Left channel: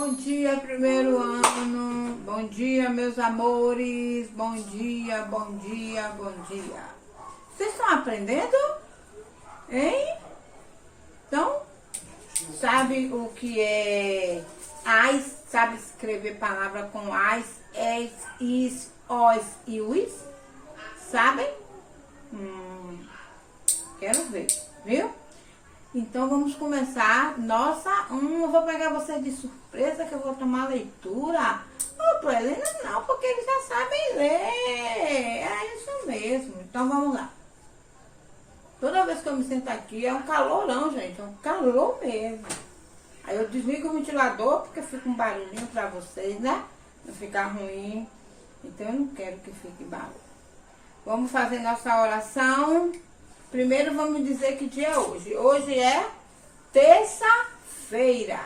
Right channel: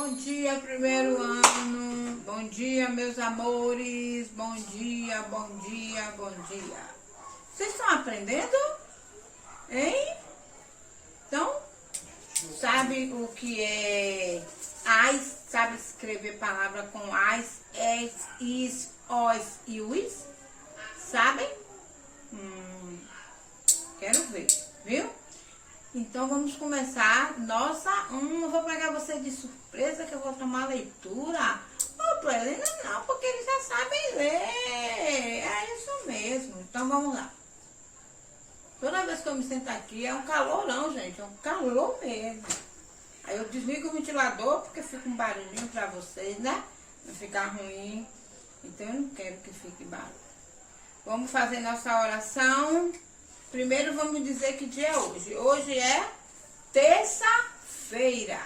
Bom dia, primeiro ano. Bom dia, meus amores. Bom dia, bom dia, bom dia. Vocês estão aprendendo? Hein? Então, sabe o que é as? Sabe escrever palavra com as, es, is, os e us? Sabem? Quero ver, viu? Então vamos começar nossa. Eu vou pegar vocês de surpresa que eu vou tomar leitura. Pra Helena não, porque eles já sabem ler. É isso mesmo. Então vamos lá. Toda vez que eu me sento aqui é um calorão, gente. É um calor mesmo. Aí eu desligo o ventilador porque fica um barulhinho pra vocês, né? Não ficar ruim. Então eu não quero que fique barulho. Vamos fazer nossa oração. Primeiro vamos dizer que dia é hoje. Hoje é terça-feira.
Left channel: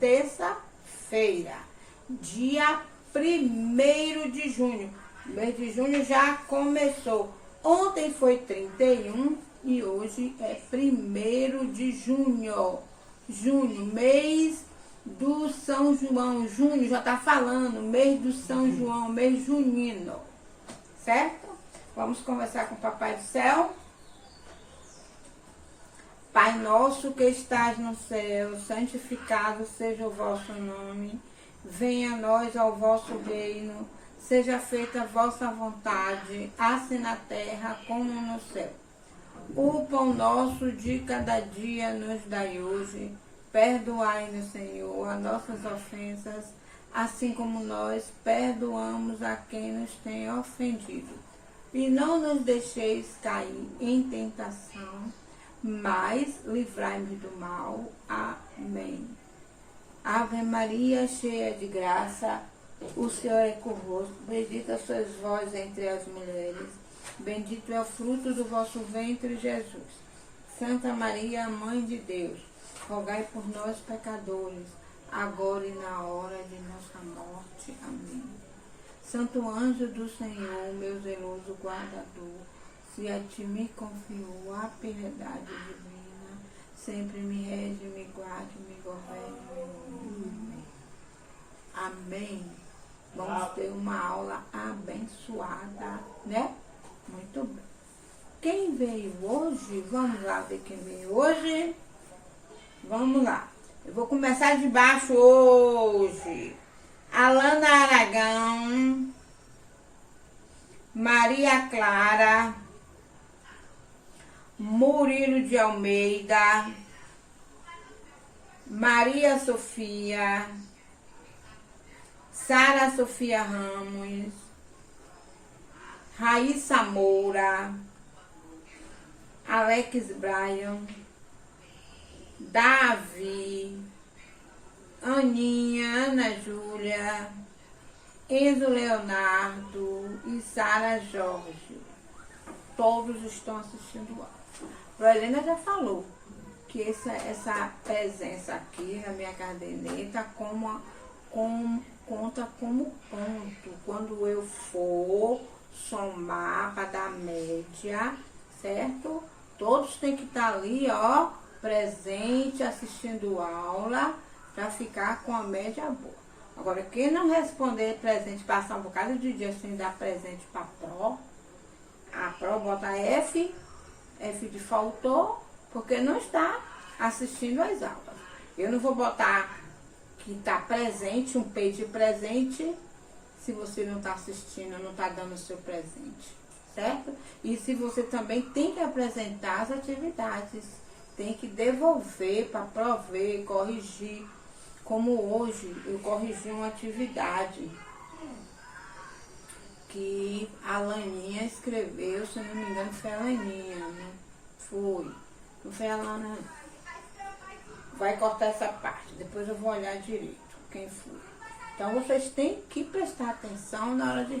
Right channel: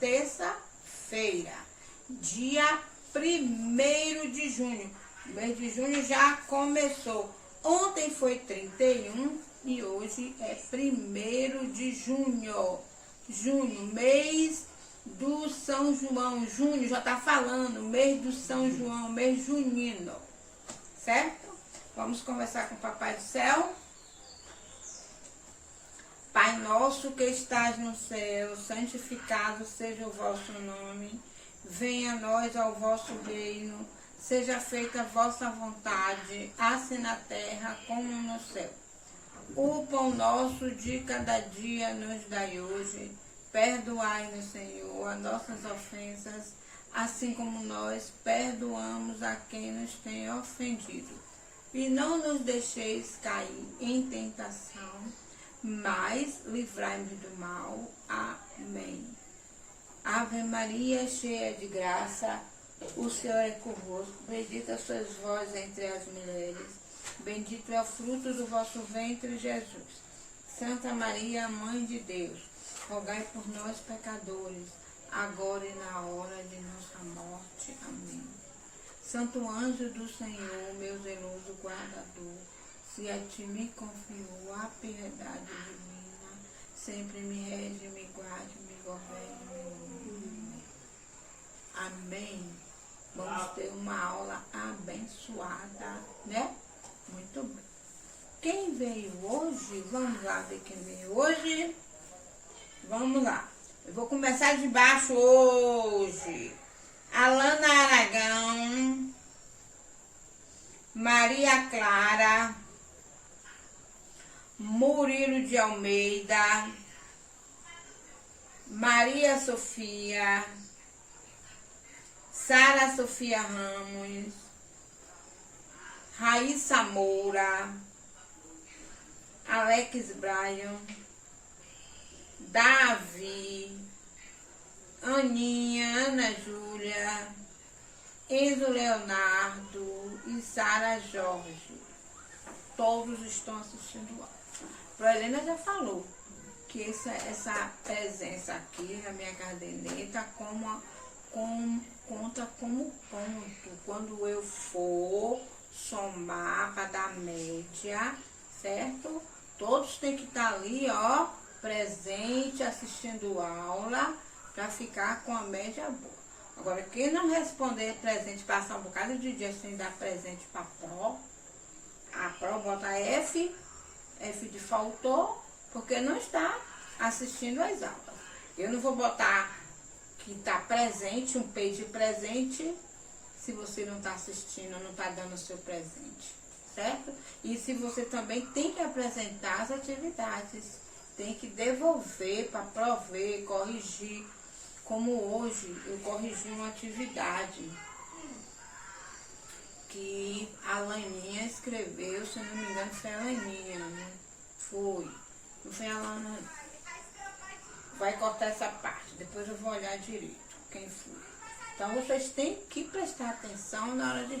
Terça-feira. Dia 1º de junho. O mês de junho já começou. Ontem foi 31 e hoje é 1º de junho. Junho, mês do São João. Junho já tá falando, mês do São João, mês junino. Certo? Vamos conversar com o Papai do Céu. Pai nosso que estás no céu, santificado seja o vosso nome. Venha a nós ao vosso reino. Seja feita a vossa vontade, assim na terra como no céu. O pão nosso de cada dia nos dai hoje. Perdoai-nos, Senhor, as nossas ofensas, assim como nós perdoamos a quem nos tem ofendido. E não nos deixeis cair em tentação, mas livrai-nos do mal. Amém. Ave Maria, cheia de graça, o Senhor é convosco. Bendita sois vós entre as mulheres. Bendito é o fruto do vosso ventre, Jesus. Santa Maria, Mãe de Deus, rogai por nós, pecadores, agora e na hora de nossa morte. Amém. Santo anjo do Senhor, meu zeloso guardador, se a ti me confio a piedade divina, sempre me rege, me guarde, me governe. Amém. Vamos ter uma aula abençoada, né? Muito bem. Quem veio hoje? Vamos lá ver quem veio hoje. Vamos lá. Eu vou começar de baixo hoje. Alana Aragão, Maria Clara, Murilo de Almeida, Maria Sofia, Sara Sofia Ramos, Raíssa Moura, Alex Bryan, Davi, Aninha, Ana Júlia, Enzo Leonardo e Sara Jorge. Todos estão assistindo o áudio. A Helena já falou que essa presença aqui na minha caderneta conta como ponto. Quando eu for somar para dar média, certo? Todos têm que estar ali, ó, presente, assistindo aula, para ficar com a média boa. Agora, quem não responder presente, passar um bocado de dia sem dar presente para a Pro bota F de faltou, porque não está assistindo às aulas. Eu não vou botar que está presente, um page presente, se você não está assistindo, não está dando o seu presente, certo? E se você também tem que apresentar as atividades, tem que devolver para prover, corrigir. Como hoje eu corrigi uma atividade que a Laninha escreveu, se eu não me engano foi a Laninha, né? Não foi a Lana. Vai cortar essa parte, depois eu vou olhar direito quem foi. Então vocês têm que prestar atenção na hora de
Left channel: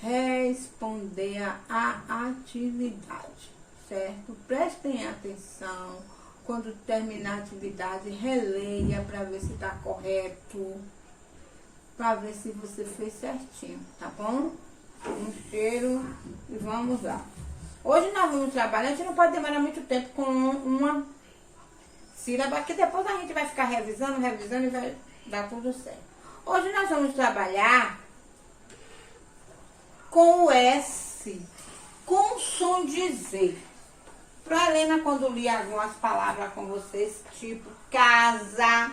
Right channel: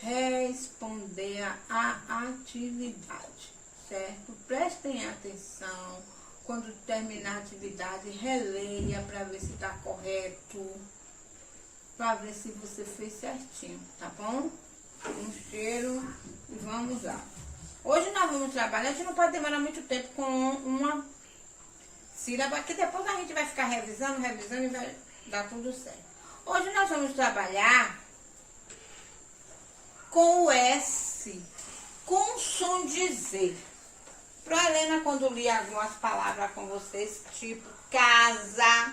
responder a atividade, certo? Prestem atenção. Quando terminar a atividade, releia para ver se está correto, para ver se você fez certinho, tá bom? Um cheiro e vamos lá. Hoje nós vamos trabalhar, a gente não pode demorar muito tempo com uma sílaba, que depois a gente vai ficar revisando e vai dar tudo certo. Hoje nós vamos trabalhar com o S, com o som de Z. Para a Helena, quando li algumas palavras com vocês, tipo casa,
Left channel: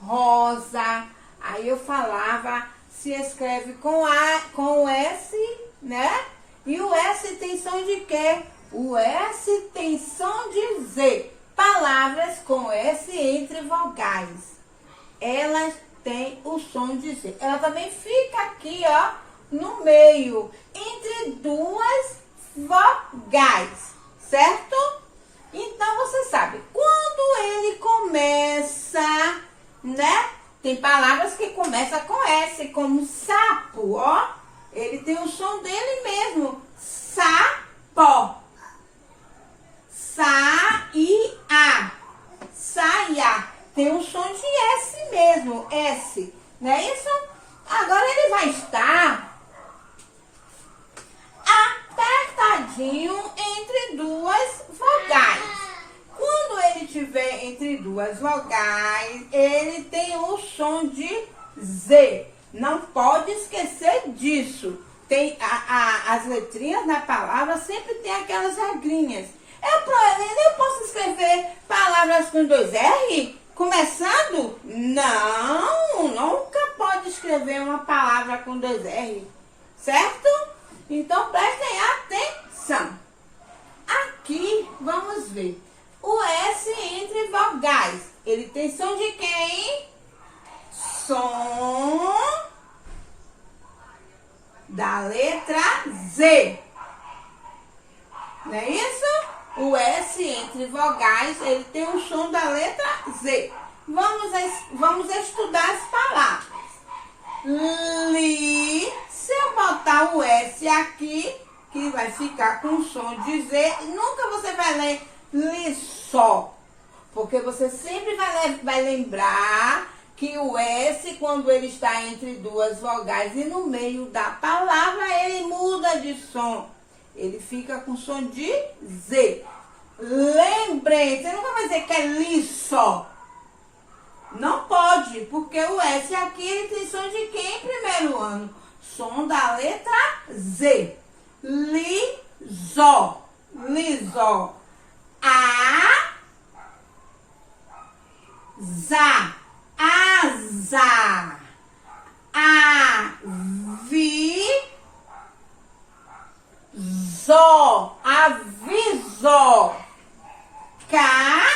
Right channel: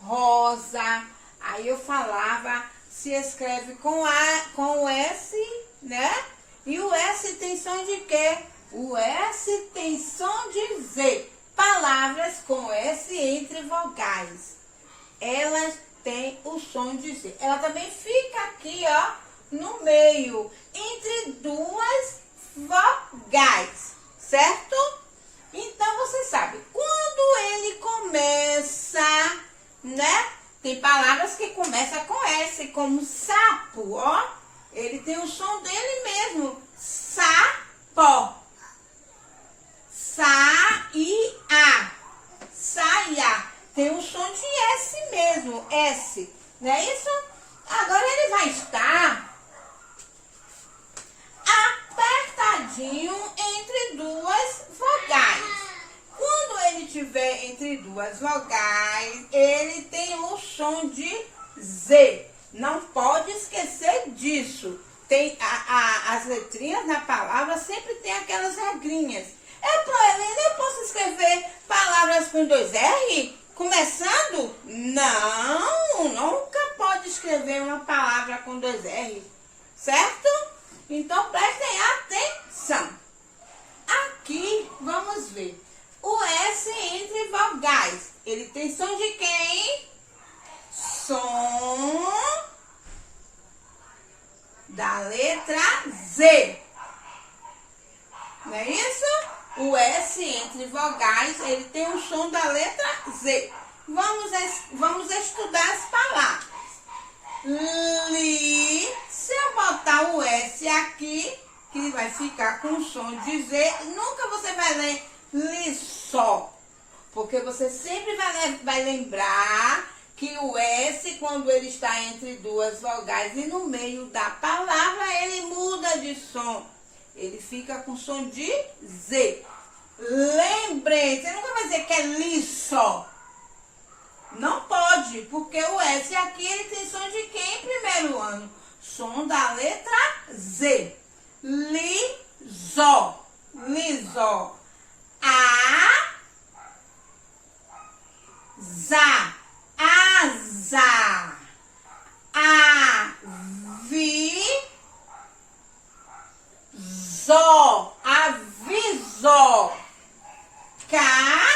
rosa, aí eu falava, se escreve com o S, né? E o S tem som de quê? O S tem som de Z. Palavras com S entre vogais. Elas têm o som de Z. Ela também fica aqui, ó, no meio, entre duas vogais, certo? Então, você sabe, quando ele começa, né? Tem palavras que começam com S, como sapo, ó. Ele tem o som dele mesmo. Sapo. Sa-i-a. Saia. Tem o som de S mesmo. S. Não é isso? Agora ele vai estar apertadinho entre duas vogais. Quando ele estiver entre duas vogais, ele tem o som de Z. Não pode esquecer disso. Tem as letrinhas da palavra sempre tem aquelas regrinhas. Eu posso escrever palavras com 2 R? Começando? Não, nunca pode escrever uma palavra com 2 R. Certo? Então prestem atenção. Aqui, vamos ver. O S entre vogais. Ele tem som de quem? Som da letra Z. Não é isso? O S entre vogais, ele tem o som da letra Z. Vamos estudar as palavras. Li, se eu botar o S aqui, que vai ficar com o som de Z, nunca você vai ler li só. Porque você sempre vai lembrar que o S, quando ele está entre duas vogais e no meio da palavra, ele muda de som. Ele fica com som de Z. Lembrem, você nunca vai dizer que é li só. Não pode, porque o S aqui, ele tem som de quem em primeiro ano? Som da letra Z. Li, zó. Lisó. A, za. Asa. Avi, zó. Avisó. Casa.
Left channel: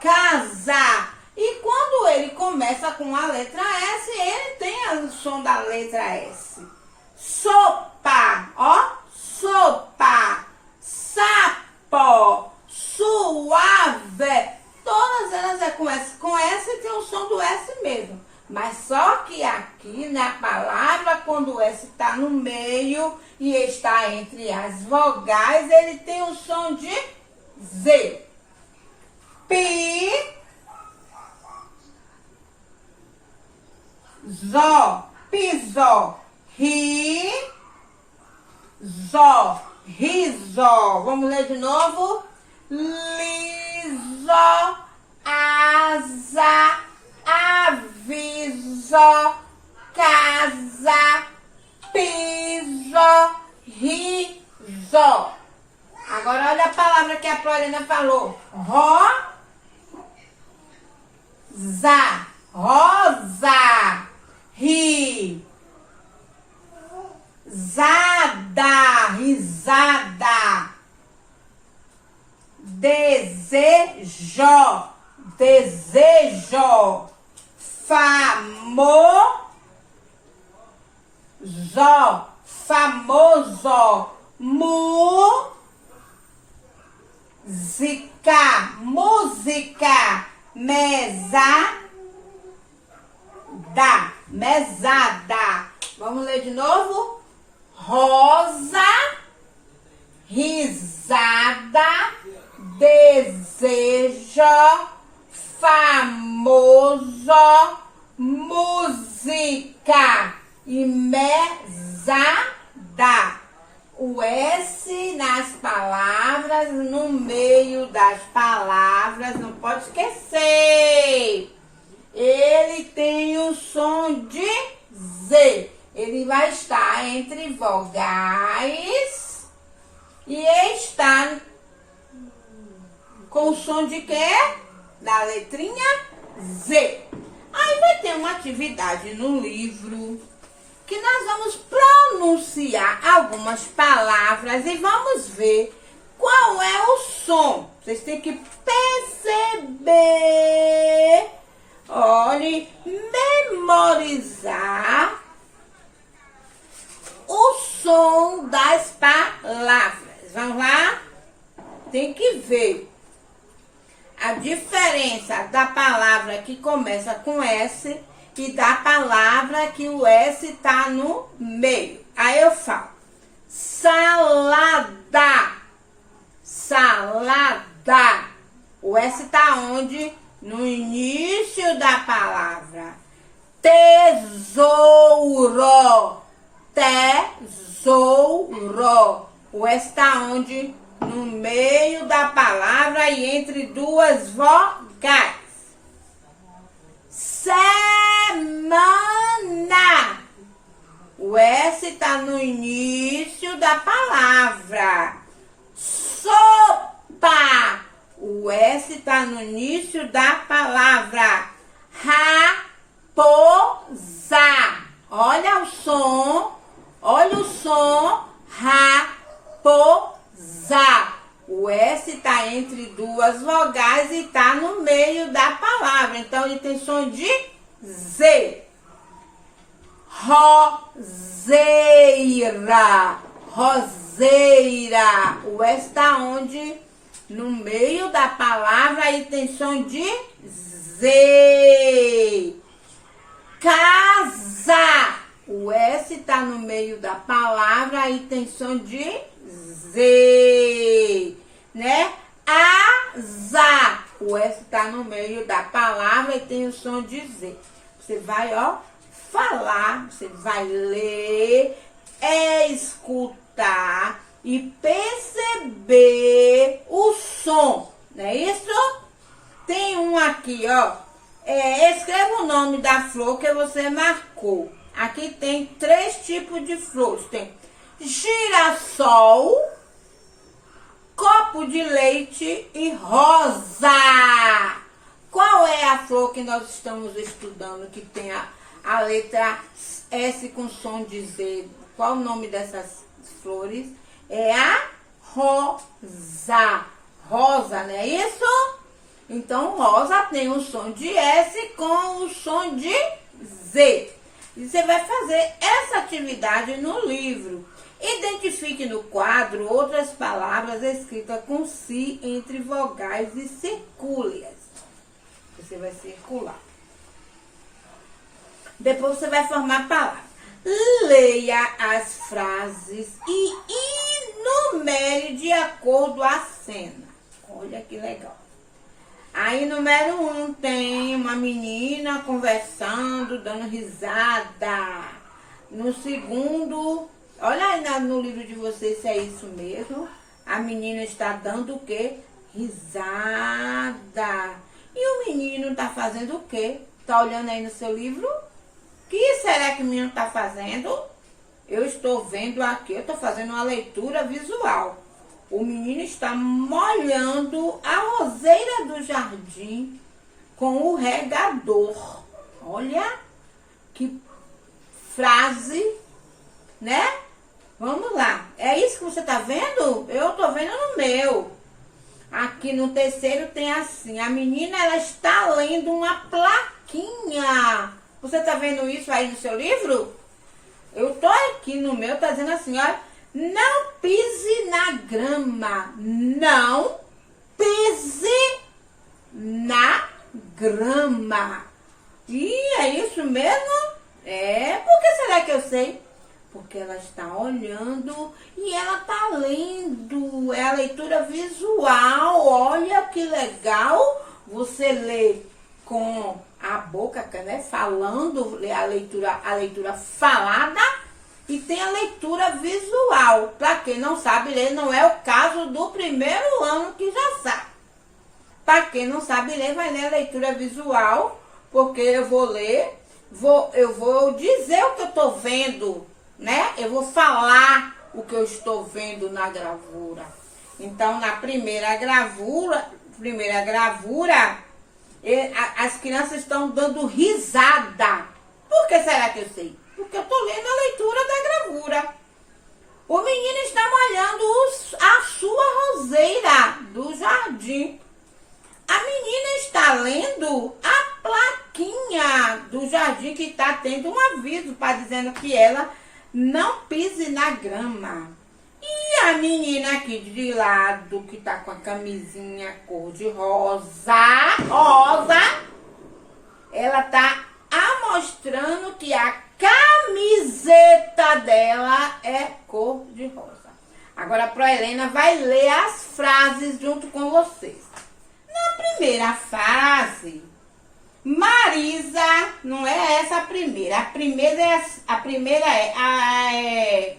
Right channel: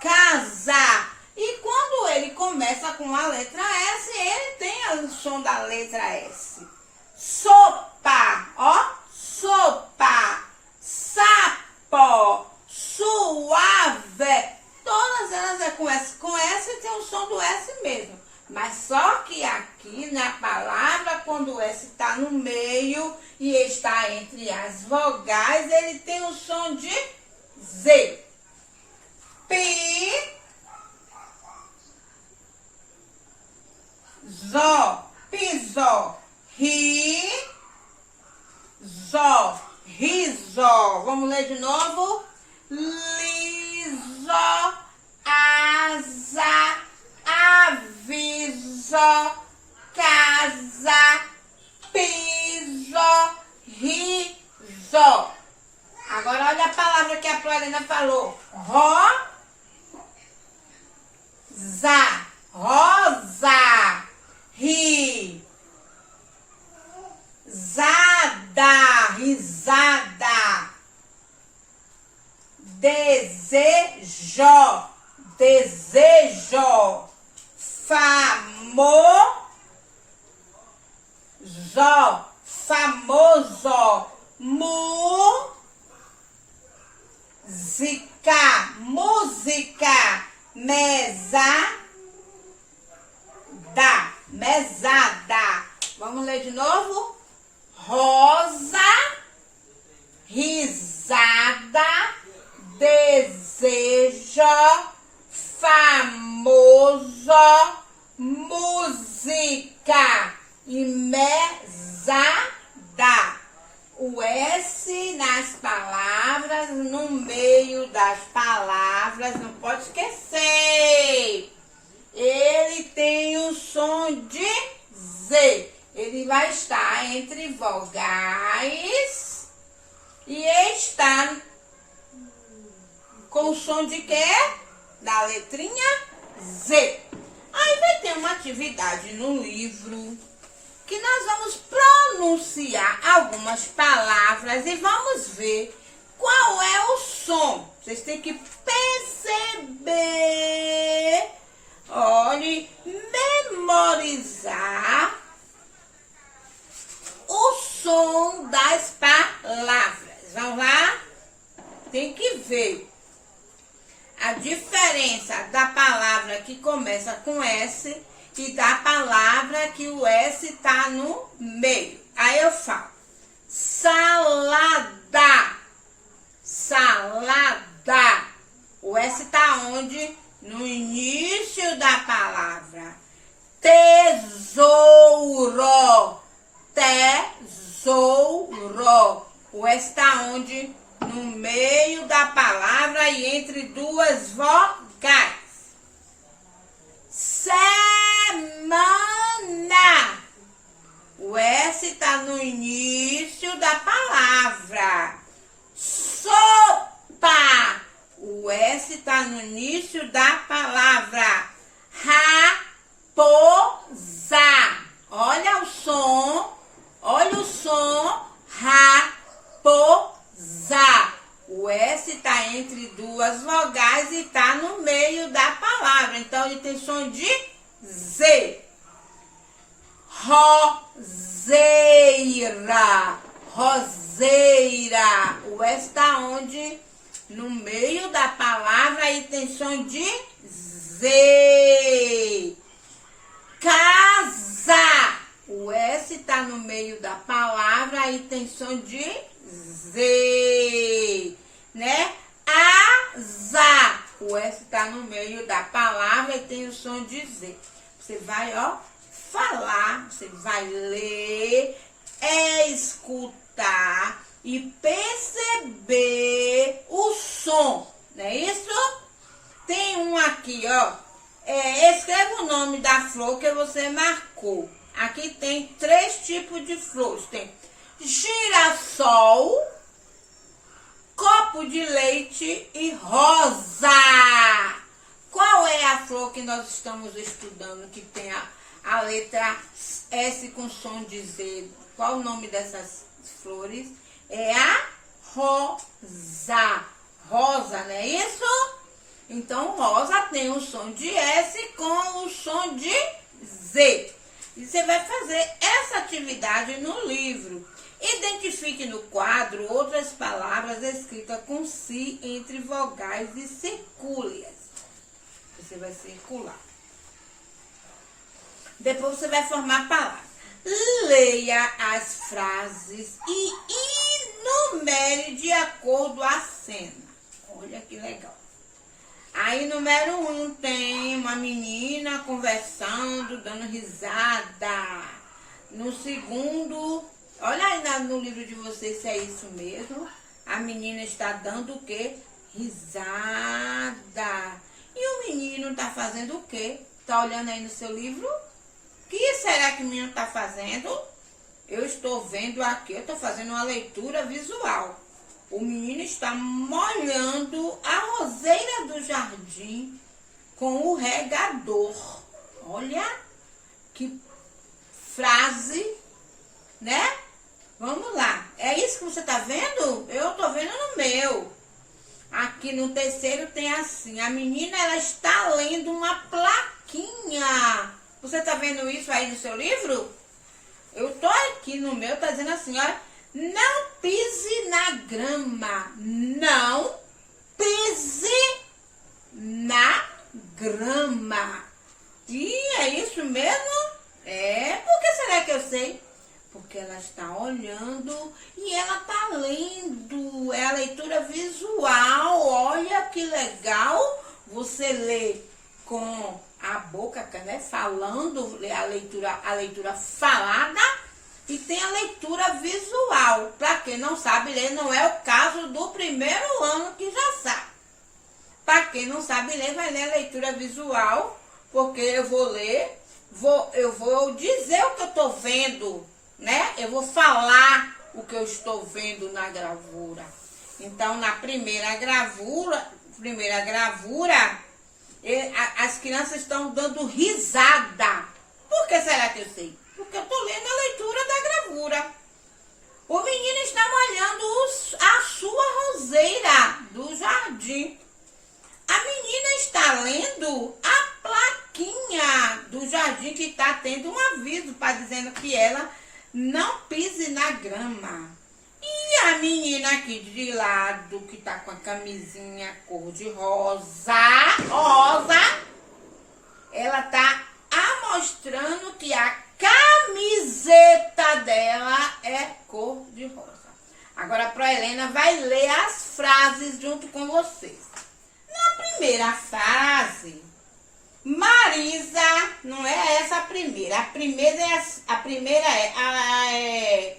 Casa. E quando ele começa com a letra S, ele tem o som da letra S. Sopa, ó. Sopa. Sapo. Suave. Todas elas é com S. Com S tem o som do S mesmo. Mas só que aqui na palavra, quando o S está no meio e está entre as vogais, ele tem o som de Z. Pi, zó, pisó. Ri, zó, risó. Vamos ler de novo? Lisó, asa, avisó, casa, pisó, risó. Agora olha a palavra que a Helena falou. Rosa, rosa, ri, zada, risada, desejo, desejo, famoso, famoso, música, música, mesada, mesada. Vamos ler de novo? Rosa, risada, desejo, famoso, música e mesada. O S nas palavras palavras, no meio das palavras, não pode esquecer, ele tem o som de Z. Ele vai estar entre vogais e está com o som de quê? Da letrinha Z. Aí vai ter uma atividade no livro que nós vamos pronunciar algumas palavras e vamos ver qual é o som. Vocês têm que perceber, olhe, memorizar o som das palavras. Vamos lá? Tem que ver a diferença da palavra que começa com S e da palavra que o S está no meio. Aí eu falo, salada, salada. O S está onde? No início da palavra. Tesouro, tesouro. O S está onde? No meio da palavra e entre duas vogais. Semana. O S está no início da palavra. Sopa. O S está no início da palavra. Raposa. Olha o som. Olha o som. Raposa. O S está entre duas vogais e está no meio da palavra. Então, ele tem som de Z. Roseira. Roseira. O S está onde? No meio da palavra e tem som de Z. Casa. O S está no meio da palavra e tem som de Z, né? Asa. O S está no meio da palavra e tem o som de Z. Você vai, ó, falar, você vai ler, escutar e perceber o som, não é isso? Tem um aqui, ó. Escreva o nome da flor que você marcou. Aqui tem 3 tipos de flores. Tem girassol, copo de leite e rosa. Qual é a flor que nós estamos estudando que tem a letra S com som de Z? Qual o nome dessas flores? É a rosa. Rosa, não é isso? Então, rosa tem o som de S com o som de Z. E você vai fazer essa atividade no livro. Identifique no quadro outras palavras escritas com si entre vogais e circule-as. Você vai circular. Depois você vai formar palavras. Leia as frases e enumere de acordo a cena. Olha que legal. Aí, número 1, tem uma menina conversando, dando risada. No segundo, olha aí no livro de vocês se é isso mesmo. A menina está dando o quê? Risada. E o menino está fazendo o quê? Está olhando aí no seu livro? O que será que o menino está fazendo? Eu estou vendo aqui, eu estou fazendo uma leitura visual. O menino está molhando a roseira do jardim com o regador. Olha que frase, né? Vamos lá. É isso que você está vendo? Eu estou vendo no meu. Aqui no terceiro tem assim. A menina, ela está lendo uma plaquinha. Você está vendo isso aí no seu livro? Eu estou aqui no meu, está dizendo assim, olha. Não pise na grama. Não pise na grama. E é isso mesmo? Por que será que eu sei? Porque ela está olhando e ela está lendo. É a leitura visual. Olha que legal. Você lê com a boca, né? Falando, lê a leitura falada. e tem a leitura visual. Para quem não sabe ler, não é o caso do primeiro ano que já sabe. Para quem não sabe ler, vai ler a leitura visual, porque eu vou ler, eu vou dizer o que eu estou vendo, né? Eu vou falar o que eu estou vendo na gravura. Então, na primeira gravura, as crianças estão dando risada. Por que será que eu sei? Porque eu estou lendo a leitura da gravura. O menino está molhando a sua roseira do jardim. A menina está lendo a plaquinha do jardim que está tendo um aviso para dizendo que ela não pise na grama. E a menina aqui de lado, que tá com a camisinha cor de rosa, ela tá mostrando que a camiseta dela é cor de rosa. Agora a Proelena vai ler as frases junto com vocês. Na primeira frase, Marisa, não é essa a primeira. A primeira é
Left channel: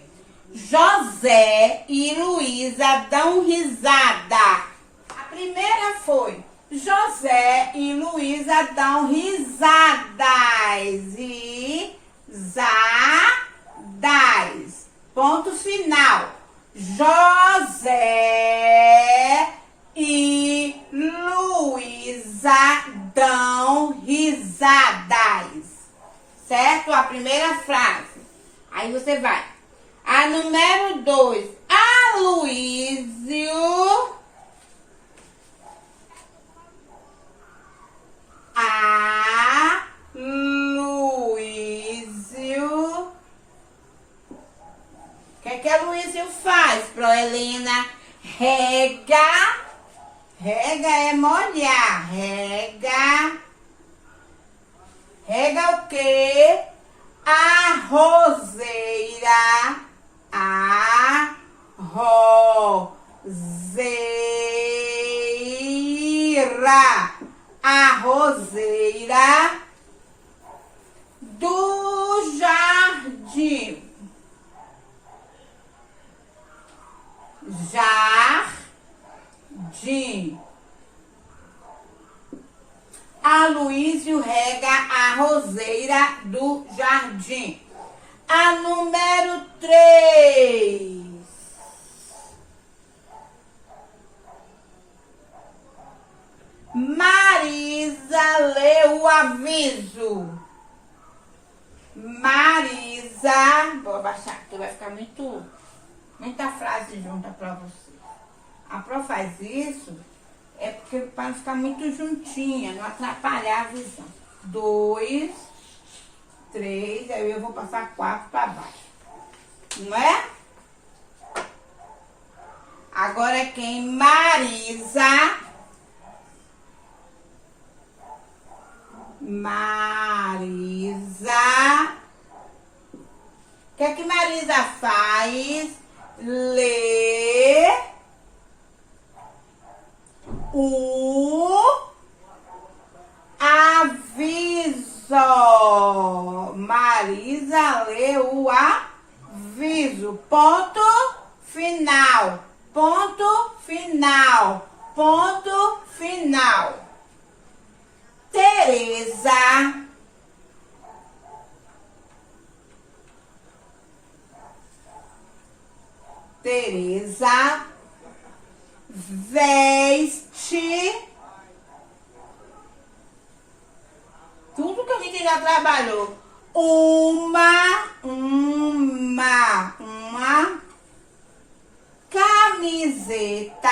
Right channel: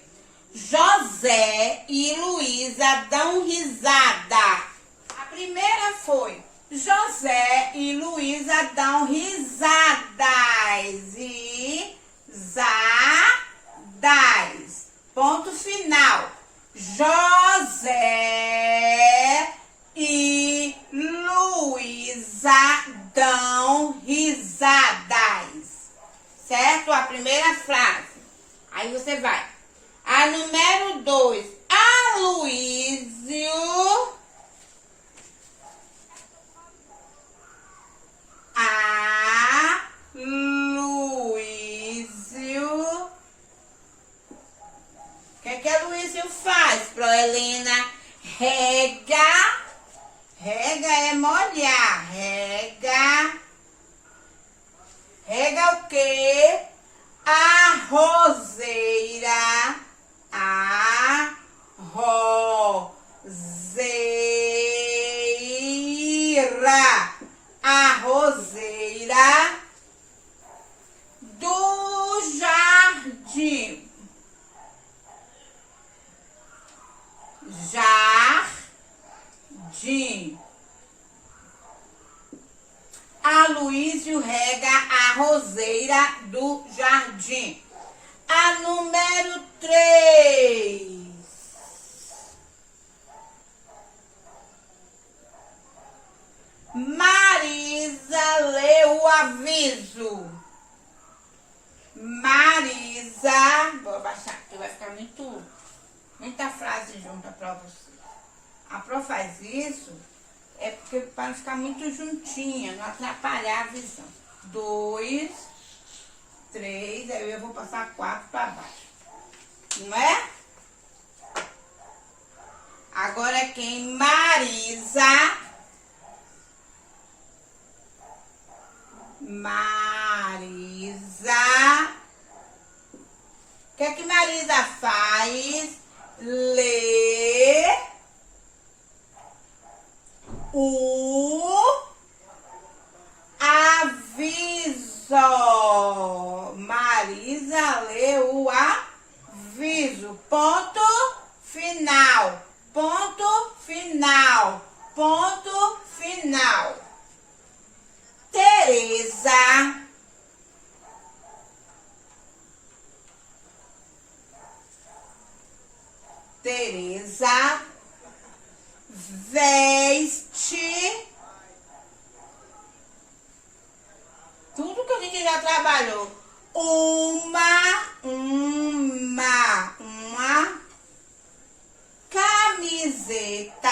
José e Luísa dão risada. A primeira foi José e Luísa dão risadas. Ponto final. José e Luísa dão risadas. Certo? A primeira frase. Aí você vai. A número 2. Aloísio. O que a Luísio faz, Proelena? Rega. Rega é molhar. Rega o quê? A roseira. A roseira do jardim. Aloísio rega a roseira do jardim. A número 3. Marisa lê o aviso. Vou abaixar, porque vai ficar muita frase junta para você. A Pro faz isso porque para não ficar muito juntinha, não atrapalhar a visão. 2, 3, aí eu vou passar 4 para baixo. Não é? Agora quem? Marisa. O que Marisa faz? Lê o aviso. Marisa lê o aviso. Ponto final. Teresa veste tudo que a gente já trabalhou. Uma camiseta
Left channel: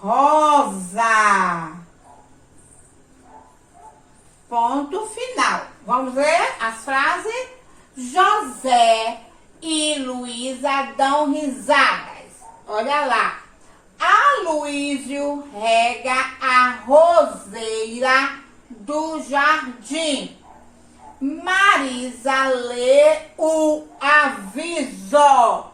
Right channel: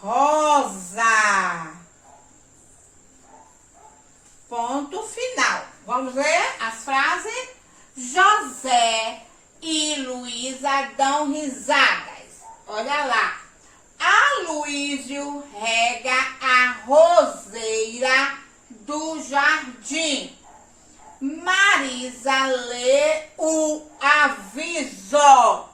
rosa. Ponto final. Vamos ver as frases? José e Luísa dão risadas. Olha lá. Aloísio rega a roseira do jardim. Marisa lê o aviso.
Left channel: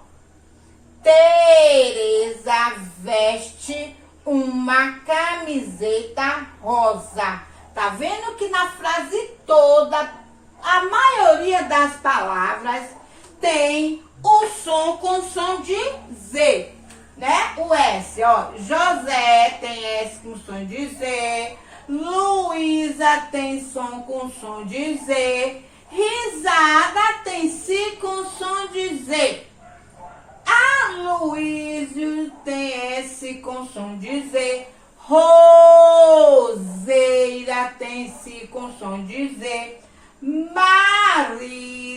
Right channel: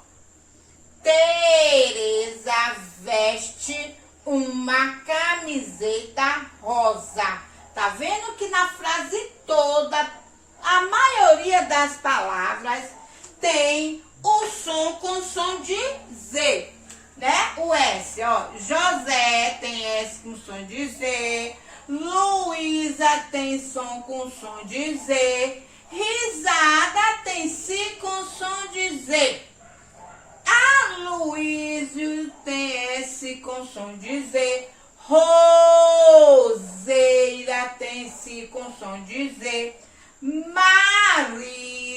Teresa veste uma camiseta rosa. Tá vendo que na frase toda, a maioria das palavras tem o som com som de Z, né? O S, ó. José tem S com som de Z. Luísa tem som com som de Z. Risada tem Si com som de Z. Aloysio tem S com som de Z. Roseira tem Si com som de Z. Marisa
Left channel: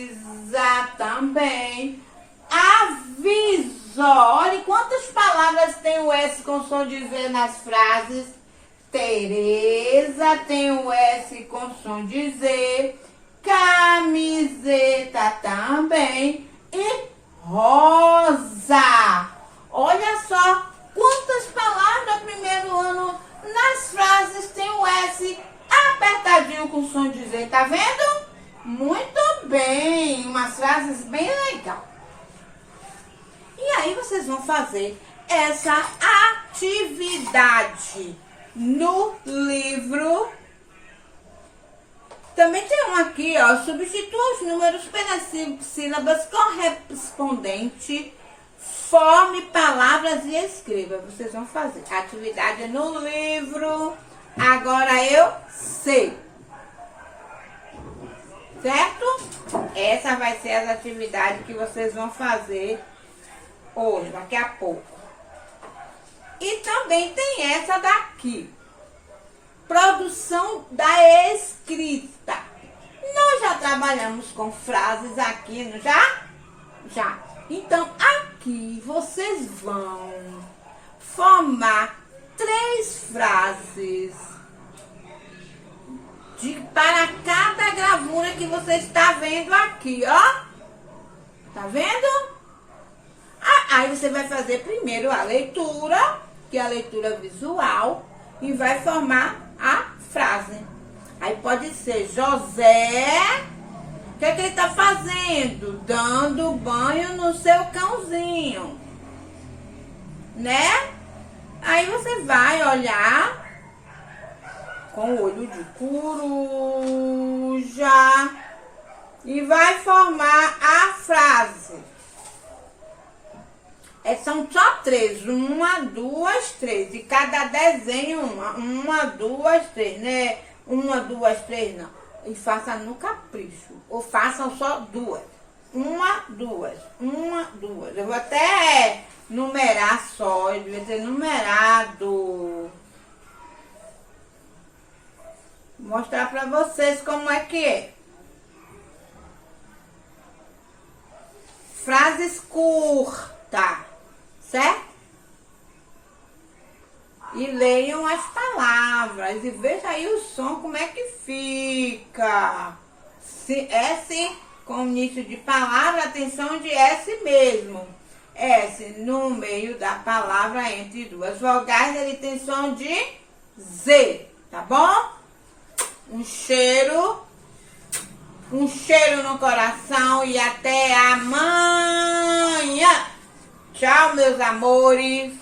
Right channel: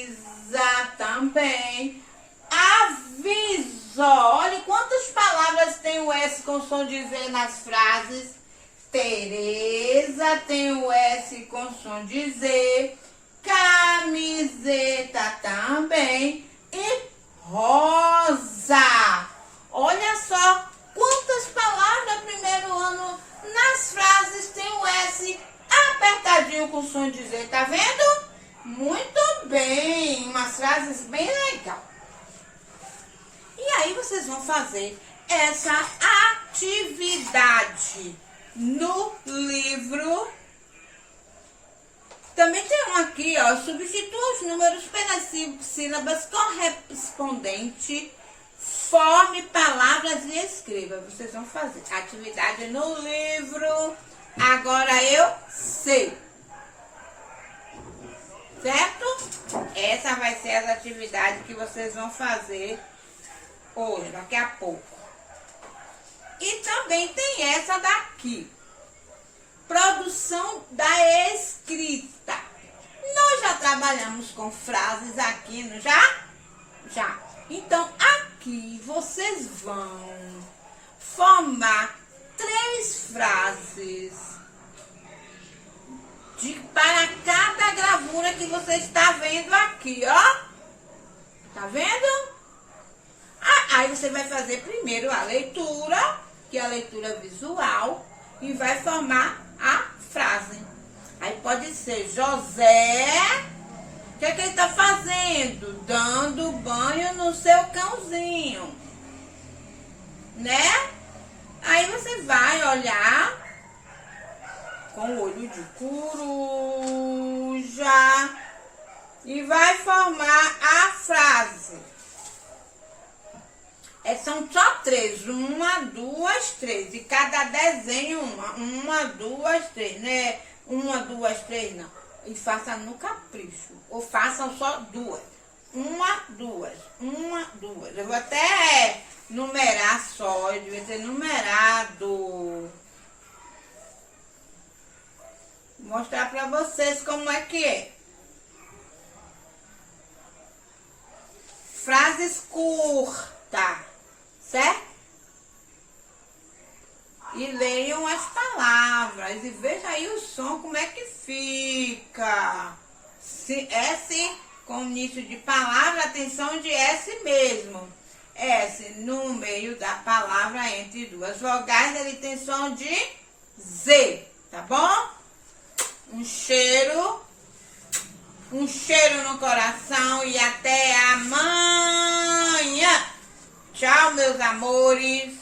também. Aviso. Olha quantas palavras tem o S com som de Z nas frases. Tereza tem o S com som de Z. Camiseta também. E rosa. Olha só quantas palavras do primeiro ano nas frases tem o S apertadinho com som de Z. Tá vendo? Muito bem. Umas frases bem legais. E aí vocês vão fazer essa atividade no livro. Também tem um aqui, ó. Substitua os números pelas sílabas correspondentes. Forme palavras e escreva. Vocês vão fazer atividade no livro. Agora eu sei. Certo? Essa vai ser as atividades que vocês vão fazer hoje, daqui a pouco. E também tem essa daqui. Produção da escrita. Nós já trabalhamos com frases aqui, não já? Já. Então, aqui vocês vão formar 3 frases para cada gravura que você está vendo aqui, ó. Tá vendo? Aí você vai fazer primeiro a leitura, que é a leitura visual, e vai formar a frase. Aí pode ser José, o que é que ele tá fazendo? Dando banho no seu cãozinho, né? Aí você vai olhar com o olho de coruja e vai formar a frase. São só 3. 1, 2, 3. E cada desenho uma, 2, 3, né? 1, 2, 3, não. E faça no capricho. Ou façam só 2. 1, 2. 1, 2. Eu vou até numerar só. Eu devia ter numerado. Vou mostrar pra vocês como é que é. Frases curtas. Certo? E leiam as palavras e veja aí o som, como é que fica. S com início de palavra, atenção de S mesmo. S no meio da palavra entre 2 vogais, ele tem som de Z, tá bom? Um cheiro no coração e até amanhã. Tchau, meus amores.